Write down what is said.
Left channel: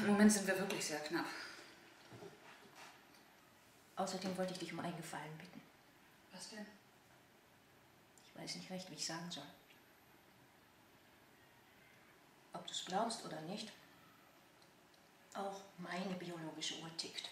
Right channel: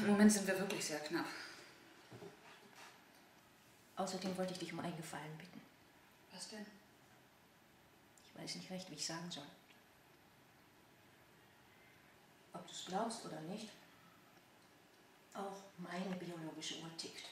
Im Moment sind wir wirklich sehr knapp. Außerdem wollte ich dich um einen Gefallen bitten. Was denn? Ich weiß nicht recht, wie ich sagen soll. Ob du es glaubst oder nicht, auch meine biologische Uhr tickt.